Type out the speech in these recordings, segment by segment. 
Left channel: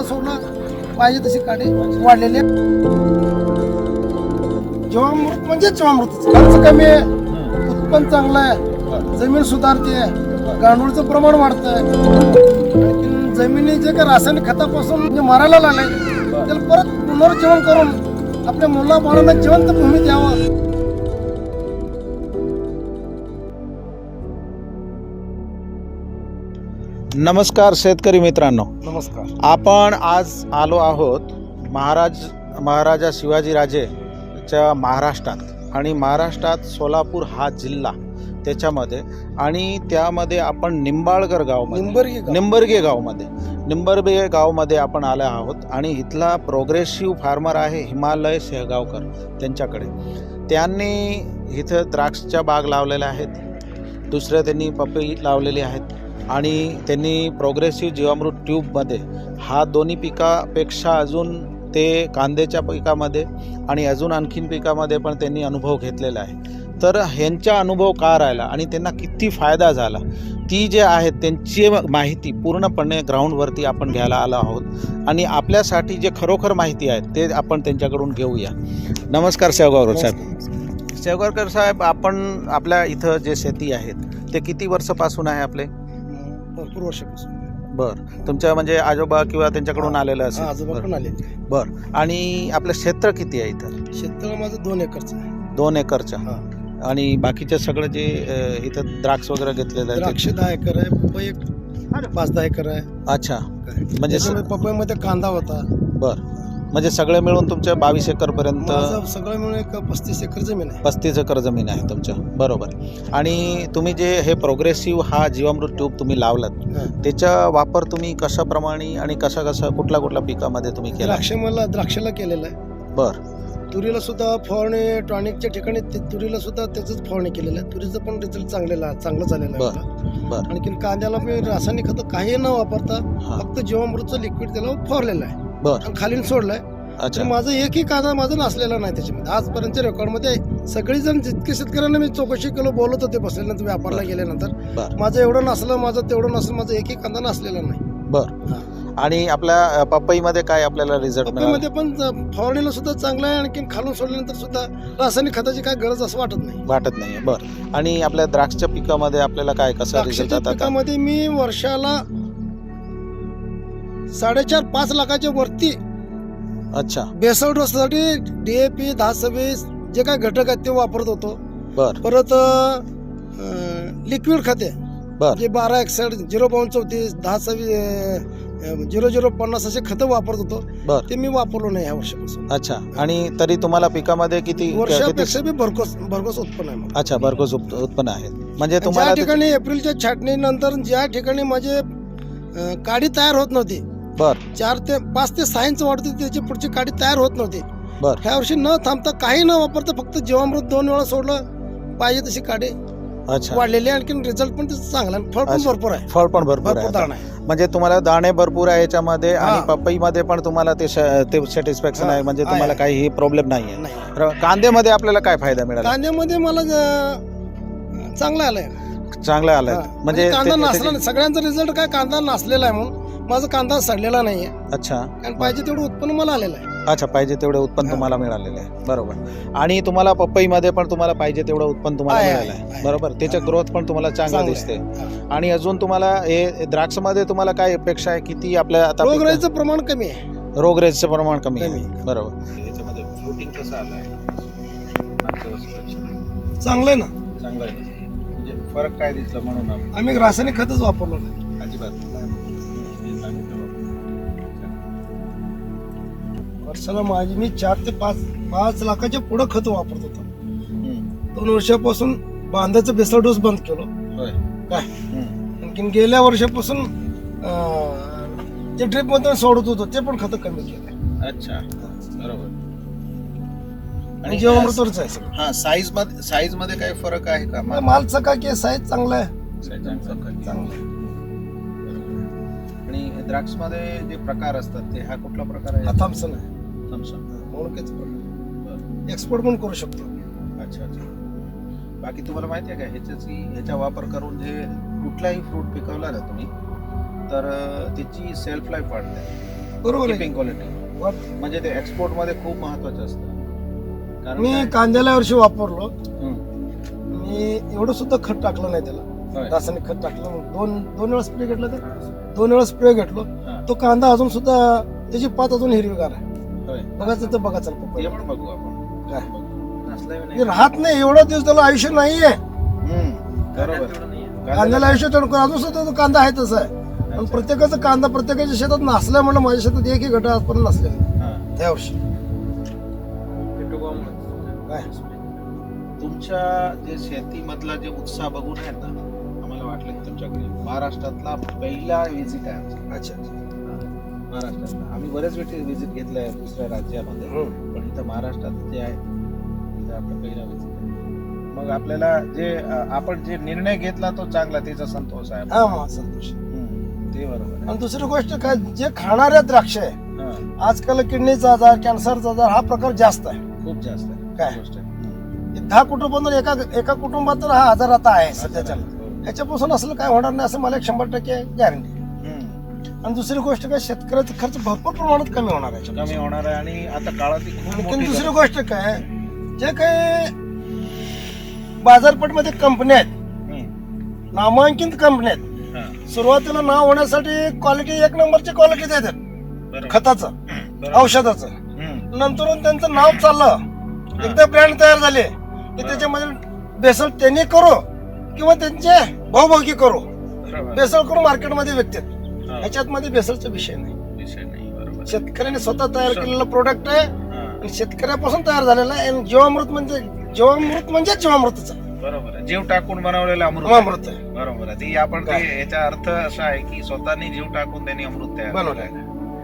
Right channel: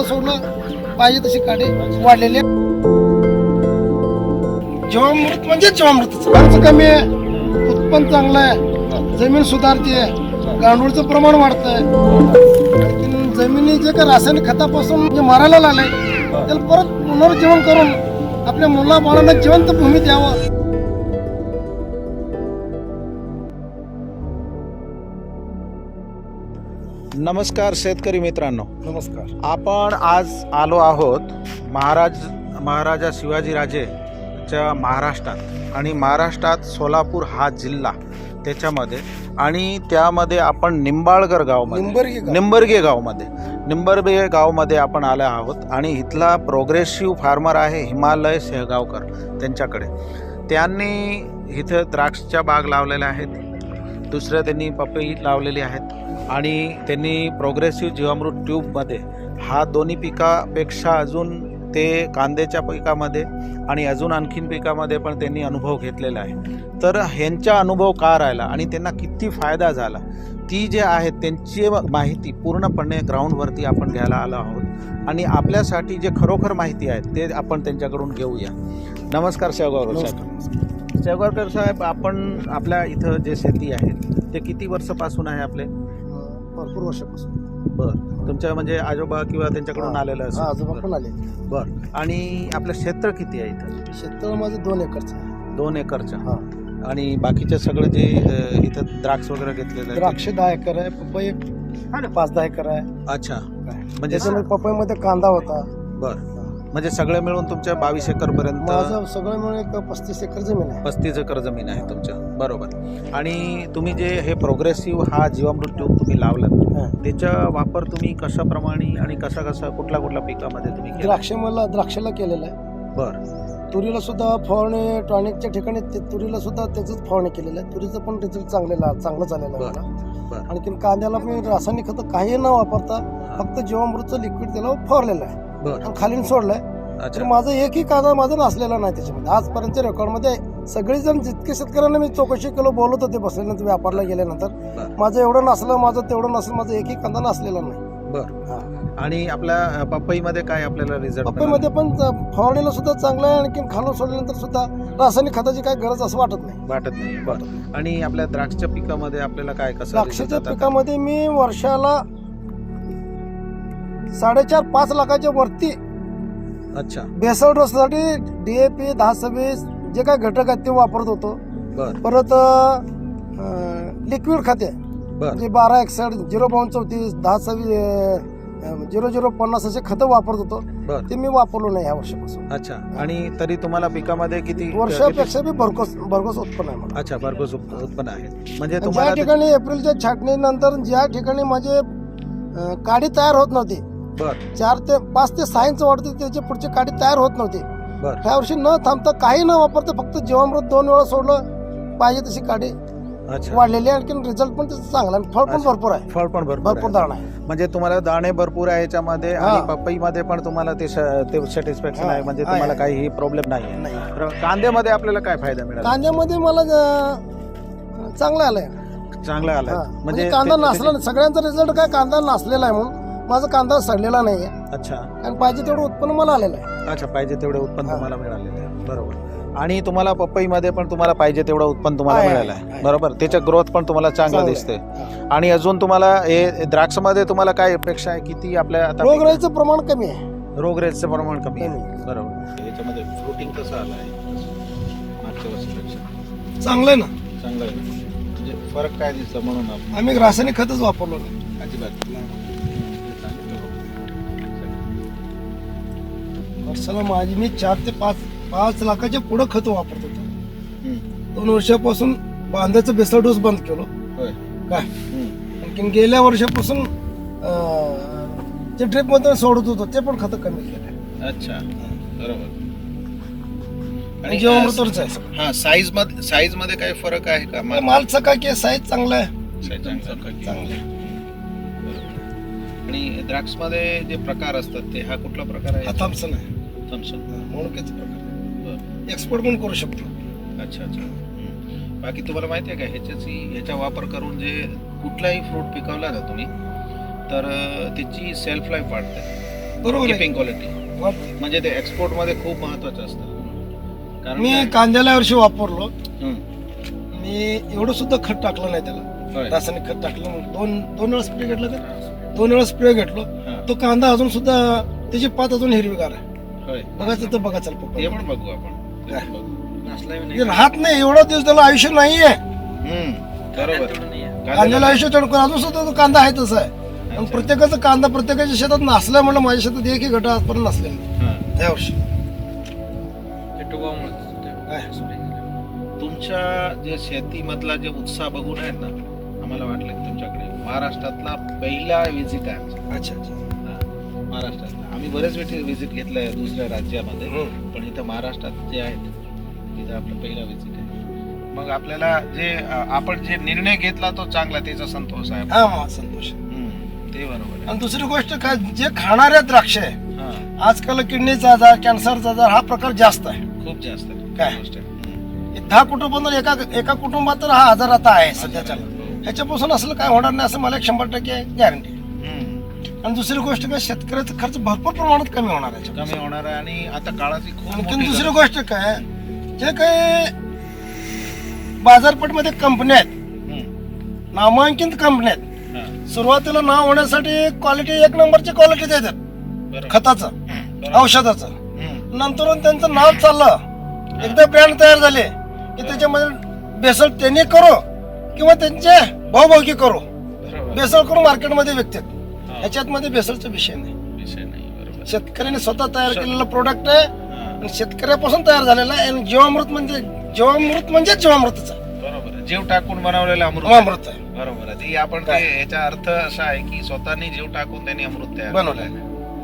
वेळा सोडलं पाहिजे तसे काटे वाढलेले जीवामृत म्हणजे जीवामृत खर्च कमी आहे. उत्पन्न चांगलं आहे. जमीन सुधारते गांडूळचं प्रमाण वाढतंय. आणखीन जमिनी जे काही रासायनिक खतापासून जे मारायला लागले त्याला परत पुनर्जीवन करून आपल्या मुलाबाळांना जिवंत भूमी द्यावं. नमस्कार शेतकरी मित्रांनो. नमस्कार. आपण आज आलो आहोत महाराज महाराजा शिवाजीराजेच्या महाराष्ट्रात आणि महाराष्ट्रात सोलापूर हा जिल्हा त्याच्यामध्ये आणि त्यामध्ये आपण निंबाळकर गावमध्ये निंबर्गी गाव. निंबर्गे गावमध्ये. निंबर्गे गावमध्ये आपण आले आहोत आणि इथला प्रोग्रेसिव्ह फार्मर आहे हिमालय शेहगावकर त्यांच्याकडे. त्यांनी इथं द्राक्षच्या बाग लावलेल्या आहेत. दुसरं त्यांनी पपई लावलेली आहेत. आणि त्यांनी प्रोग्रेसिव्ह जीवामृत ट्यूबमध्ये हा दोन्ही पिकापेक्षा अजून ते कांद्याच्या पिकामध्ये आणि अजून आणखीन पिकामध्ये पण त्यांनी अनुभव घेतलेला आहे. तर ह्यांचा अनुभव का राहिला आणि त्यांना किती फायदा झाला? ती जे आहेत त्यांची माहिती पूर्णपणे ग्राउंडवरती आपण घ्यायला आलो आहोत. आणि आपल्यासाठी जे खरोखर माहिती आहे ते आपण त्यांच्याकडून घेऊया. नमस्कार शेवगावकर साहेब. शेवगावकर साहेब आपण आपल्या इथं जे शेती आहेत ते किती वर्षापासून आहे आपले? भरपूर वर्षापासून. बर. तुमच्या म्हणजे आजोबा किंवा त्यांच्याकडून. आलेलं हा असेल आजोबा. पण आले बर. आणि आपलं क्षेत्र किती आहे इथं? शेततळ माझं दोन एकरचं आहे. दोन एकरच्या हा. आणि बाकीचे सगळे जे अ, इथं द्राक्ष वगैरे घेतलेले आहेत. द्राक्ष दहा एकर आहे पपई पाच दहा एकर आहे. अच्छा. म्हणजे म्हणजे पपईमध्ये कांदा होता. बर. म्हणजे सगळे मिळून तुमच्या बावीस एकर पर्यंत माझं सगळं मिळून एक पस्तीस एकर जमीन आहे पस्तीस एकर जमीन आहे तुमच्या बरोबर आणि तुम्ही जे हे प्रोग्रेसिव्ह हा जीवामृत ट्यूब तुम्ही लावलात हा. त्याचा वापर तुम्ही कशाप्रमाणे आणि कशा कशा कुठल्या कुठल्या पिकामध्ये तुम्ही केला द्राक्ष मला द्राक्षाला केलेलं आहे बर तुरीला सुद्धा फवारणी टॉनिकच्या ठिकाणी ते तुरीला सुद्धा त्याचंच फवारणी केलेलं आहे तुरीचं पण रिझल्ट चांगलेला चांगलं झालेलं आहे बरं. मला. बरं. आणखीन कांद्याला मी रासायनिक खतं काही न वापरता हा. फक्त जीवामृतचं लिक्विड त्याला फवारलेलं आहे बर. खालीन सोडलंय. तर अच्छा माझं एकही कांदा माझा नसलेला नाही त्याच्यामध्ये. आजपर्यंतच्या रेकॉर्डमध्ये आहे सगळेजण जितके शेतकऱ्यांना मी चौकशी केलं बोलत होते बसल्यानंतर व्यापारला गेल्यानंतर. बरं. माझं एवढं नसलं माझं तेवढं नसलं माझं एकही कांदा नसलेला नाही. बर. हा. आणि आपल्या अ, पपईमध्ये काय आपल्याला रिझल्ट पपईमध्ये पण ज- फवारणीला सुद्धा चांगलं आहे. आणखी खालून सोडल्यानंतर सुद्धा रासायनिक खताची काय गरज असं वाटत नाही. वाटत नाही. बर. आणि आपल्या द्राक्षच्या पिकामध्ये आपल्याला काय कसं द्राक्षाच्या आता- पिकामध्ये मी वर्षाला साडेचार पाच लाखाच्या वरती. अच्छा. बेसळ डोससाठी डीएपी दहा सव्वीस जे काय घटक आहेत ते वापरत होतो. बर. परत लिक्विड खाते. बर. म्हणजे बारा एकसठ झिरो बावन्न चौतीस दहा सव्वीस झिरो झिरो पन्नास असे खतं वापरत होतो. बर. ते मी वापरलो नाही या वर्षापासून. अच्छा. आणि तरी तुम्हाला पिकामध्ये किती किती- वर्षापेक्षा बी भरघोस भरघोस उत्पन्न आहे मला. अच्छा भरघोस उप- उत्पन्न आहे. म्हणजे ज्या तुम्हाला ठिकाणी एप्रिलच्या छाटणीनंतर ज्या ठिकाणी माझे अं, काडी तयार होत नव्हती बर चार ते पाच ते सहा इंच वाढते त्याची पुढची काडी तयार होत नव्हती बर. ह्या वर्षी न थांबता काही न वापरता फक्त जीवामृत दोन वेळा सोडलं पाहिजे तशी काडी अच्छा वाढलेली आहे आणखी रिझल्ट पण त्याचा चांगला आहे. फळ पण अच्छा. भरपूर आहे फळ पण भरपूर भरपूर आहे. दाणा आहे म्हणजे तुम्हाला दाणे भरपूर आहे याच्यामध्ये हा. आणि पपईमध्ये पण तुम्हाला ते श- ते सॅटिस्फॅक्शन हा. आहे म्हणजे आहे, तुम्हाला. काही प्रॉब्लेम नाही आहे नाही तर कांद्यामध्ये आपल्याला काय फायदा मिळाला कांद्यामध्ये मला ज- चांगलं आलंय चांगला आलाय हा. म्हणजे म्हणजे कांदा ते- नसला नाही. सगळ्यांचा रिझल्ट काय कांदा नसलेला आहे म्हणून माझा कांदा सडलेला नाहीये. अच्छा. आणि पाहिजे तेवढं उत्पन्न मला आलेलं आहे. अच्छा पाहिजे तेवढे उत्पन्न. तुम्हाला मिळालेले आहे. बरोबर. आणि तुम्हाला पपईमध्ये पण तुम्हाला पाहिजे तेवढं उत्पन्न तुम्हाला आहे, मिळालं आहे. बरोबर. त्याचं ग्रोथ पण तुम्हाला चांगलं चांगलं दिसते आणि अजून तुम्हाला हे द्राक्षमध्ये तुम्हाला काय अपेक्षा आहे? किती आपल्या आता पिकं- रोगराईचं प्रमाण कमी आहे. रोगरेजचं प्रमाण कमी कमी. आहे बरोबर. याच्यामध्ये फ्रुटिंग कसं आलं आहे मागच्या वर्षीपेक्षा चांगलं आहे ना. चांगलं आहे ना. म्हणजे फरक काय दिसला म्हणून आपण? आम्ही रासायनिक खतच वापरलो नाही. अजिबात. वर्षाला माझी मी चार ते पाच पाच लाखाच्या पुढं खत वापरत होतो. दोन वर्षापासून बांधाचं बेसळ डोस बंद केलो. काय. आणखीन गेल्या वर्षापासून जे ड्रिपमध्ये सोडत होतो ते पण खत कमी केलं अच्छा. बरोबर. आणि जीवामृतवरच आहे हा साईजमध्ये साईजमध्ये काही फरक आहे का? मला माल चकाकी साईज चांगला आहे. चांगलं. आणि द्राक्षमध्ये जे प्रकार असतात ते हा कुठला प्रकार आहे? हा थॉम्सन आहे. प्रकार. बरं. एक्सपोर्ट पण करू शकतो. अच्छा अच्छा. बाकी तुम्हाला माहिती आहे का ह्याच्याची ह्याचा वापर करून जे कुठलाही फ्रूट पिकवला ना तुम्ही तर अं, त्याची सेल्फ लाईफ वाढते. बरोबर आहे. किपिंग क्वालिटी वाटते. म्हणजे ते एक्सपोर्टमध्ये खूप महत्वाचं असतं. कारण मी काय- कांद्याला वर्षी वापरलो. हं. मी एवढं सुद्धा खत टाकलं नाही त्याला. होय. रासायनिक खत टाकलं दोन दोन वेळा स्प्रे घेतलं तर? दोन वेळा स्प्रे घेतलो. हा. तो कांदा अजून सुद्धा त्याची पात अजून हिरवीगार आहे. होय. बघायचं तर बघा चल ते पप्पा पण बघू आपण ते काय? पण बघू. हे राहत नाही एवढा दिवस त्याला आयुष्य नाहीये हं. बरोबर कांद्याला आयुष्य चढकून अजून सुद्धा तो कांदा आहे तसा आहे आणि अच्छा. प्रत्येकाचा कांदा प्रत्येकाच्या शेतात नसल्या म्हणलं माझ्या शेतात एकही गट आजपर्यंत नसलेला नाही. हां. त्या वर्षी काय? तुमच्या जे शेतीमधला जे उत्साह बघून आहेत ना आम्हाला वाटलं की तुमच्याकडे महाराष्ट्रातला पहिला विजिट आहे आमचा अच्छा अच्छा महाराष्ट्रातला आम्ही बरेच वेळी विजिट घेतलंय दुसऱ्या राज्यामध्ये हम्म. पण इथं महाराष्ट्रात जे आहेत तिथं आपला पहिला विजिट आहे मग आपल्याला जे आपण जे निर्णय घेतला तो चांगला त्याचा संतोष आहे हा संतोष ते बरोबर आहे आणि दुसरी गोष्ट काय जे खाणाऱ्या द्राक्ष आहे हां, आजकाल किडनीचा आजार कॅन्सरचा आजार हा प्रकार जास्त आहे खूप जास्त आहे काय? गोष्ट आहे. हम्म. हे दहा कुटुंबांवर एका एका कुटुंबात तर हा आजार आता आहे सध्याच्या हो. ह्याच्यापासून असलं काय होणार नाही असं मला एक शंभर टक्के गॅरंटी. आणि दुसरी गोष्ट काय शेतकऱ्याचा खर्च भरपूर प्रमाणात कमी होणार आहे कमी होणार आहे आणि आता काळाची खूप आणखी मोठी दुसरी गरज गोष्ट काय जे काही बाजारपेठमध्ये कंपन्या आहेत. हम्म. नामांकित कंपन्या आहेत हां, सुरुवातीला नाव होण्यासाठी क्वालिटी एक नंबरची क्वालिटी देतात बरोबर. खताचं बरोबर. औषधाचं हम्म. नंतर त्यांचं नाव चाललं एकदा ब्रँड तयार झाले की त्याच्यामध्ये बेसल त्यांनी करो किंवा त्यांचे भाऊभाऊकी करो बरोबर. बेसल करून मार्केटमध्ये विकतात ह्याच्यात मध्ये बेसलचा विषय नाही. विषय नाही बरोबर. शेतकऱ्याने स्वतः तयार. केलेलं प्रोडक्ट आहे हां, आणि शेतकऱ्यापासून तयार झालेला आहे. आणि जीवामृत म्हणजे जीवामृत म्हणजे जीवामृतच आहे. बरोबर आहे. जीव टाकून बनवलेलं अमृत. जीवामृत आहे. बरोबर आहे. ती आपण काय? याचा अर्थ असा आहे की स्वतःनी जीव टाकून त्यांनी अमृत तयार बनवलं केलंय.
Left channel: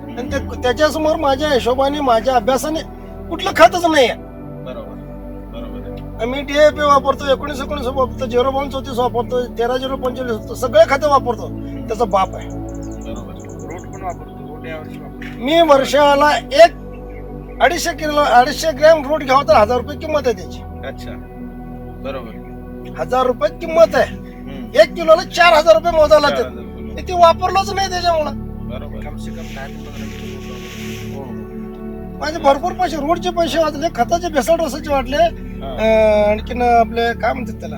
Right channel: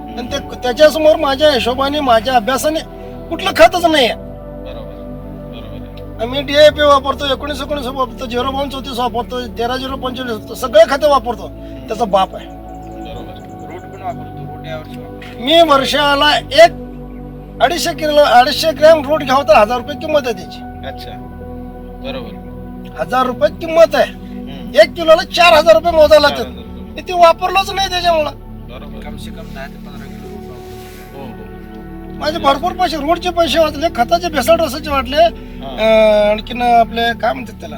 आणि हम्म. ते त्याच्यासमोर माझ्या हिशोबाने माझ्या अभ्यासाने कुठलं खतच नाही आहे बरोबर. बरोबर आहे. आम्ही डीएपी वापरतो एकोणीस एकोणीस वापरतो झिरो बावन चौतीस वापरतो तेरा झिरो पंचवीस वापरतो सगळे खाते वापरतो. त्याचा बाप आहे. मी वर्षाला एक अडीचशे किलो अडीचशे ग्रॅम रोट घ्यावं तर हजार रुपये किंमत आहे त्याची. अच्छा. बरोबर. हजार रुपये किंमत आहे. हम्म. एक किलोला चार हजार रुपये मोजायला चार लागतात. हजार रुपये. मी ते वापरलोच नाही त्याच्यामुळं. बरोबर. कम से कम दहा ते पंधरा किलो रूट वापरतो. हो, हो. माझे भरपूर पैसे रोडचे पैसे वाचले खताचे भेसळ रसाचे वाटले हां. आणखीन आपले काय म्हणतात त्याला?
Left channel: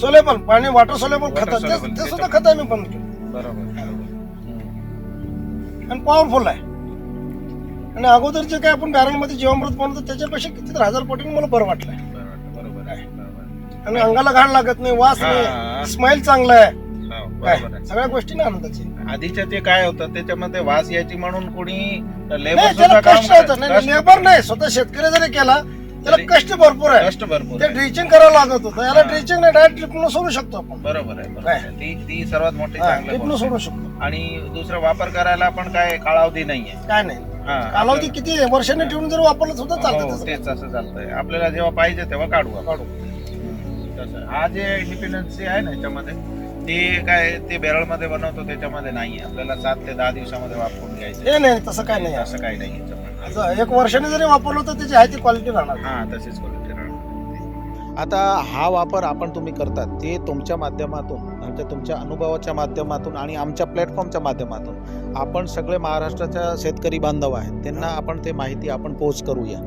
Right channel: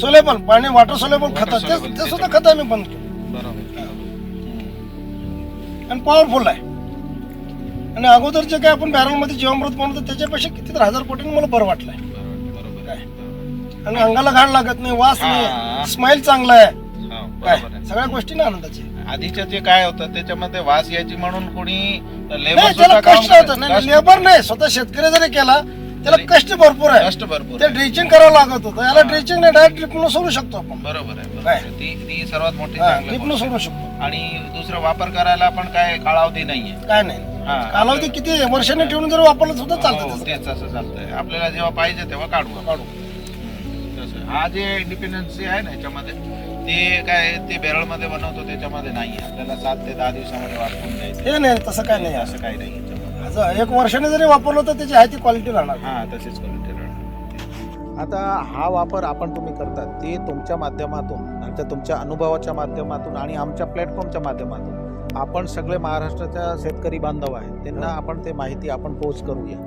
सोलेबल पाणी वॉटर सोलेबल Water खत soluble, ते सुद्धा खत आम्ही बंद केलं. बरोबर. आणि पॉवरफुल आहे आणि अगोदर जे काय आपण बॅरलमध्ये जीवामृत बनवतो त्याच्यापेक्षा किती तर हजार पटीने मला बरं वाटलंय बरोबर आहे. आणि अंगाला घाण लागत नाही वास हा. नाही स्माइल चांगला आहे. हो, काय बरोबर आहे. सगळ्या गोष्टी ना आनंदाची आधीच्या ते काय होतं त्याच्यामध्ये वास यायची म्हणून कोणी लेबर नाही सुद्धा त्याला काम कष्ट होतं करायचं. नाही कष्ट- लेबर नाही स्वतः शेतकरी जरी केला त्याला कष्ट भरपूर आहे कष्ट भरपूर ते आहे. ड्रिचिंग करावं लागत होतं याला हा. ड्रिचिंग नाही डायरेक्ट ड्रिपनं सोडू शकतो आपण बरोबर आहे बरोबर काय? आहे. ती ती सर्वात मोठी चांगली ड्रिपनं गोष्ट आहे. सोडू शकतो आणि दुसरा वापर करायला पण काय कालावधी नाहीये काय नाही हा, कालावधी किती आहे? वर्षाने ठेवून जर वापरलं सुद्धा हो, चालतं त्याचं. तेच असं चालतंय आपल्याला जेव्हा पाहिजे तेव्हा काढू आपण. काढू. हम्म, तसं. हा जे इंडिपेंडन्सी आहे ना याच्यामध्ये ते काय ते बॅरलमध्ये बनवतो त्याच्यामध्ये नाही आपल्याला सात ते दहा दिवसामध्ये वापरून घ्यायचं हे नाही तसं काय नाही असं काही नाही. असं एक वर्षाने जरी वापरलं तर त्याची आहे ती क्वालिटी राहणार. हा तशीच क्वालिटी आता हा वापर आपण तुम्ही करतात ते तुमच्या माध्यमातून आणि ते तुमच्या अनुभवाच्या माध्यमातून आणि आमच्या प्लॅटफॉर्मच्या माध्यमातून आपण सगळे महाराष्ट्राच्या शेतकरी बांधव आहेत. त्यांना आपण ते माहिती आपण पोच करूया.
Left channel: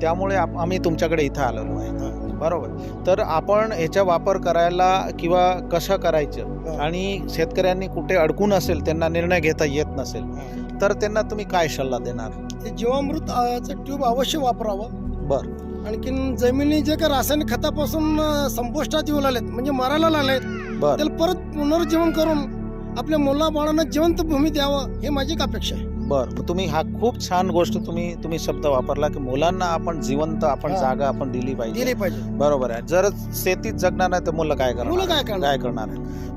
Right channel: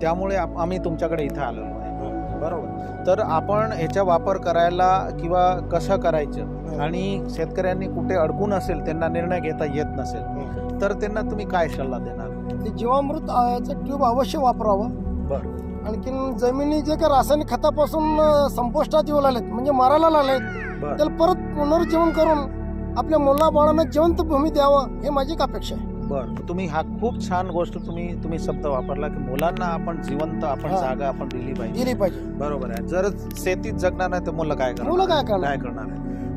त्यामुळे आप- आम्ही तुमच्याकडे इथं आलेलो आहे. बरोबर. तर आपण ह्याचा वापर करायला किंवा कसं करायचं आणि शेतकऱ्यांनी कुठे अडकून असेल त्यांना निर्णय घेता येत नसेल तर त्यांना तुम्ही काय सल्ला देणार? ते जीवामृत चं ट्यूब अवश्य वापरावं. बर. आणखीन जमिनी जे काही रासायनिक खतापासून अं, संपुष्टात येऊ लागलेत म्हणजे मारायला लागलेत बर. त्याला परत पुनर्जीवन करून आपल्या मुला बाळांना जिवंत भूमी द्यावं हे माझी एक अपेक्षा आहे. बर तुम्ही हा खूप छान गोष्ट तुम्ही तुम्ही शब्द वापरला की मुलांना आपण जिवंत आपण हा. जागा आपण दिली पाहिजे. दिली पाहिजे. बरोबर आहे. जर शेतीत जगणार नाही तर मुलं काय करणार? मुलं काय करणार? काय करणार?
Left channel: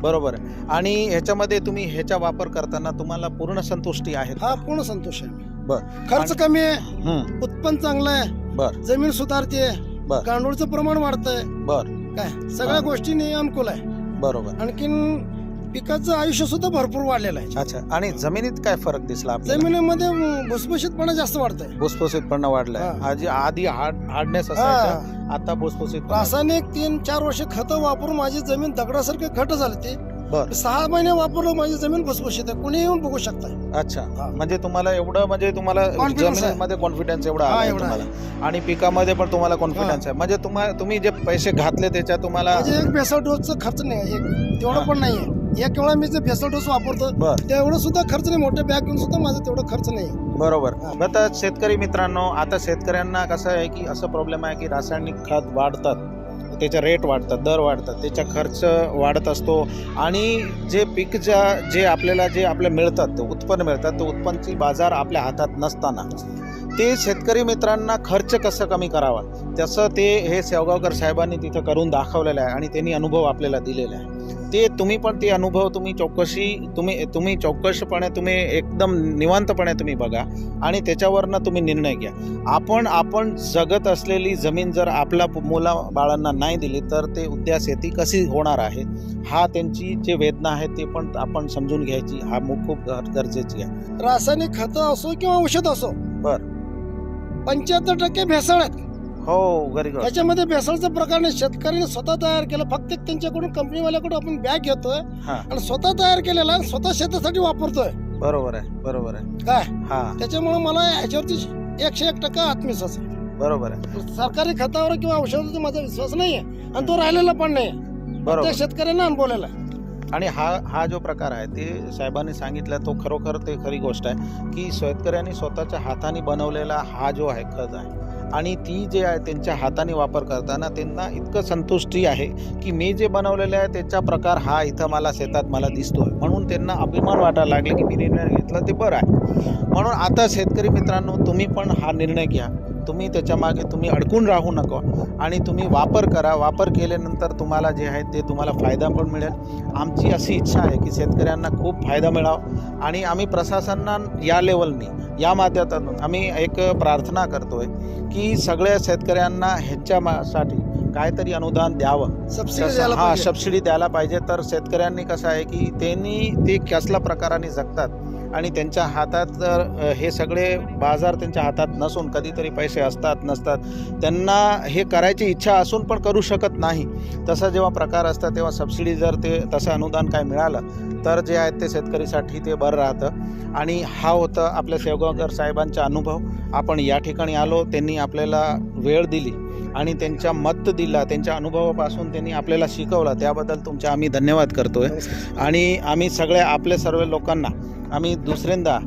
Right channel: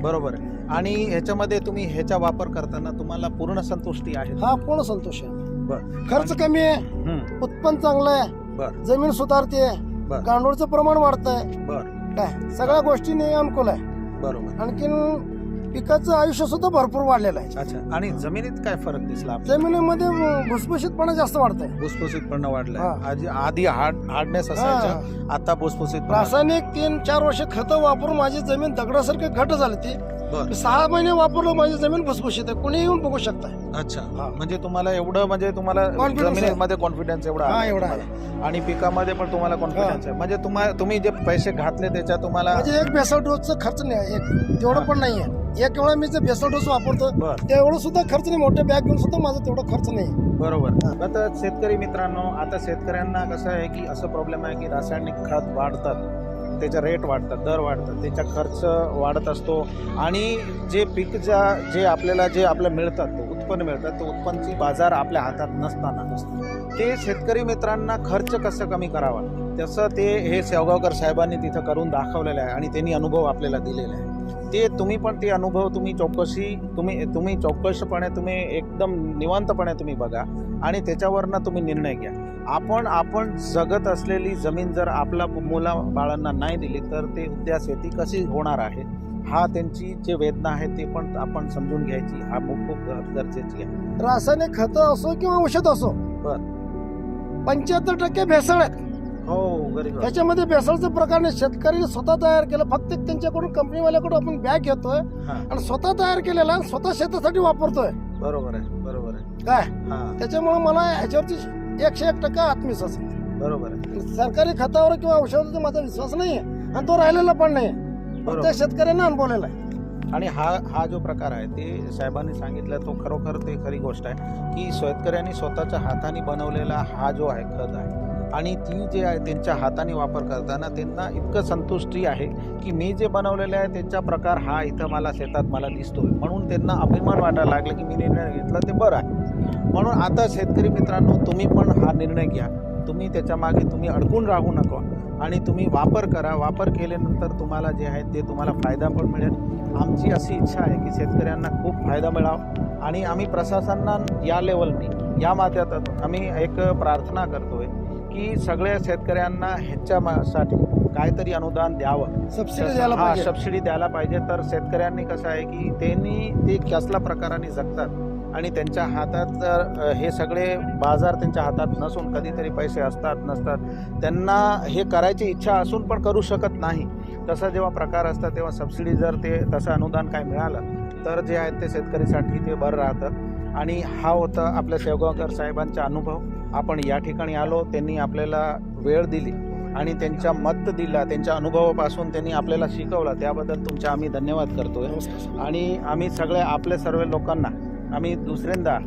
बरोबर आहे. आणि ह्याच्यामध्ये तुम्ही ह्याचा वापर करताना तुम्हाला पूर्ण संतुष्टी आहे. हा पूर्ण संतोष आहे. बर. खर्च कमी आहे. हम्म, उत्पन्न चांगलं आहे. बर. जमीन सुधारते. बर. गांडूळचं प्रमाण वाढतंय. बर. काय? सगळ्या हा. गोष्टीने अनुकूल आहे. बरोबर. आणखीन पिकाचं आयुष्य सुद्धा भरपूर वाढलेलं आहे. अच्छा आणि जमिनीत काय फरक दिसला आपल्याला? जमिनीमध्ये अं, भुसभुशीतपणा जास्त वाढतंय. भुसभुशीतपणा वाढलाय. हा. आधी आधी हार्ड हार्डनेस असायचा. आता भुसभुशीतपणा रासायनिक तीन चार वर्ष खतं वापरून माझी जमीन दगडासारखी घट झाली ती. बर. मी सहा महिने वापरलो माझी जमीन भुसभुशीत आहे. कोणी येऊन बघू शकता अच्छा. हा. म्हणजे तुम्हाला एवढं म्हणजे तुम्हाला Confidence आहे. जमिनीमध्ये कॉन्फिडन्स एवढा हा, आलाय एवढा तुम्हाला. आणि पिकामध्ये पण तुम्हाला कॉन्फिडन्स आहे. म्हणजे तुम्हाला तुम्ही जे पैसे घातले त्याच्या तुम्हाला म्हणजे एक बेसल डोसचा खर्च नाही आहे एक तेवढं पण नाही आहे एक वेळा मी जे बेसल डोस वापरतो बर. तेवढं सुद्धा खर्च नाही. मोठे बॅग घेऊन सुद्धा माझा तेवढा खर्च नाही. बरोबर. हा. आता शेतकरी मित्रांनो आता शेतकऱ्यांना कसं आहे की असं प्रॉब्लेम आहे की रासायनिक खत वाढतात. त्याचे रेट वाढतात दर वाढतात. त्याचा खर्च वाढत असतो. आणि जे पीक ज्या जे आपल्याला जे आपल्या मिळतात ते उत्पन्न मिळतात ते उत्पन्नची बाजार आपल्या हातात नसताना. ते शेतकरी मित्रांना खर्च कसं कमी करावा? तसं ते हे शेवगावकर साहेबांनी तिथं करून दाखवलेलं आहे आणि त्यांनी अनुभव आपल्याला दिलेला आहे. ते तुम्ही पण ते अनुभव तुम्ही चौकशी तुम्ही तुम्ही चौकशपणे तुम्ही एकदम निवांतपणे तुम्ही बघा आणि त्याच्यावरनं तुम्ही निर्णय घ्या. आपण आपण जगत असलेली जमीन जर आपला मुला बाळांना नाही दिली तर ते उद्या शेती कशी होणार आहे? हा त्यांची जे वेदना आहे ते पण आपण समजून घ्यायची. हा खूप गर- गरजेची आहे. रासायनिक खत असो किंवा औषध असो बर. पंच्याहत्तर टक्के भेसळ आहेत. हो गरी त्याच्यामध्ये भेसळचं प्रकार नाही. शेतकऱ्यांनी स्वतः तयार केलं. फक्त त्यांच्याकडून कंपनीवाल्याकडून आपण बॅग घेतोय. हा. आणि स्वतः तयार केलेला स्वतः शेतासाठी वापरतोय. बरोबर आहे बरोबर आहे. काय? हा. त्याच्यामुळे मला ह्याच्यावरती एकशे एक टक्का आत्मविश्वास आहे. बरोबर आहे. सरकारी खतावर किंवा औषधावर माझा विश्वास नाही आहे आणि तो राहिलेला पण नाही आहे बरोबर. त्या शेतकऱ्यांना अनुभवलेला. आहे आणि हा हा जो प्रकार आहे ते साहेबांनी सांगितलं तो खरोखर ते खरी गोष्ट आहे की शेतकऱ्यांनी स्वतःच्या हाताने बनवलेला हा जो आहे खत आहे आणि ती जे आहे त्यांच्या हाताने वापर करताना त्यांना इतकं संतुष्टी आहे की मी जे बनवलेलं आहे त्याचा प्रकार हा इथं मला शेतात मला दिसतोय. म्हणून त्यांना अभिमान वाटायला लागला की मी निर्णय घेतला ते बरं आहे. म्हणून आता शेतकरी मित्रांनो तुम्ही पण हा निर्णय घ्या. तुम्ही त्याच्यामागे तुम्ही अडकून राहू नको. आणि तुम्ही वापर करा. वापर केल्यानंतर तुम्हाला जे आहे ते तुम्हाला फायदा पण मिळेल. आमची अशी इच्छा आहे की शेतकऱ्यांना खूप फायदा मिळावा. आणि आम्ही प्रशासनानं या लेवलनी या माध्यमातून आम्ही एक प्रार्थना करतोय की सगळ्या शेतकऱ्यांना ह्याच्यासाठी काहीतरी अनुदान द्यावं. सबसिडी हा सबसिडी द्यायला पाहिजे. तर शेतकऱ्यांनी कसं आहे की त्यांनी ते कसल्या प्रकाराने जगतात? आणि त्यांच्या हातात तर हे सगळे बाजार त्यांच्या हातात नसून कधीतरी पैसे असतात नसतात त्यांना हे करायची इच्छा असून पण करू शकत नाही. तसा जेव्हा प्रकार असतात तेव्हा सबसिडी जर ते तसं अनुदान काय मिळालं तर जे आहे ते शेतकरीसाठी ते बरं राहतं. आणि हा होता आपल्या शेवगावकर साहेबांचा अनुभव. आपण या ठिकाणी आलो त्यांनी आपल्याला वेळ दिली आणि त्यांच्या मत दिला त्यांच्या अनुभवापासून त्यांनी आपल्याला शिकवलं. त्याबद्दल तुमचा आम्ही धन्यवाद करतोय. आणि आम्ही सगळ्या आपल्या सर्व लोकांना आम्ही दुसऱ्यांदा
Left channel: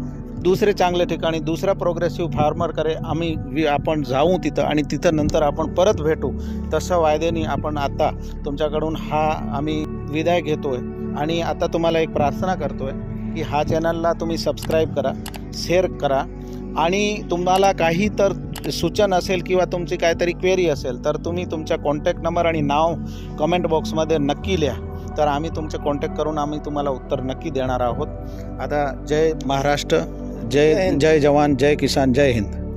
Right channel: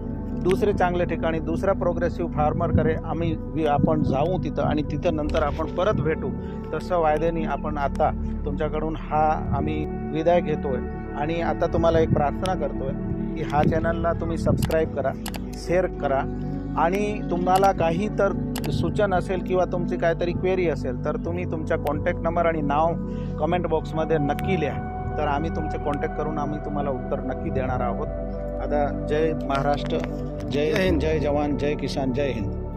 दुसरे चांगल्या ठिकाणी दुसऱ्या प्रोग्रेसिव्ह फार्मरकडे आम्ही वि- आपण जाऊ तिथं आणि तिथं नंतर आपण परत भेटू. तसं वायद्याने आपण आता तुमच्याकडून हा आम्ही विदाय आहे आणि आता तुम्हाला एक प्रार्थना करतो आहे की हा चॅनलला तुम्ही सबस्क्राईब करा शेअर करा. आणि तुम्हाला काही तर सूचन असेल किंवा तुमची काहीतरी क्वेरी असेल तर तुम्ही तुमच्या कॉन्टॅक्ट नंबर आणि नाव कमेंट बॉक्समध्ये नक्की लिहा. तर आम्ही तुमचे कॉन्टॅक्ट करून आम्ही तुम्हाला उत्तर नक्की देणार आहोत. आता जय महाराष्ट्र जय जय जवान जय किसान जय हिंद.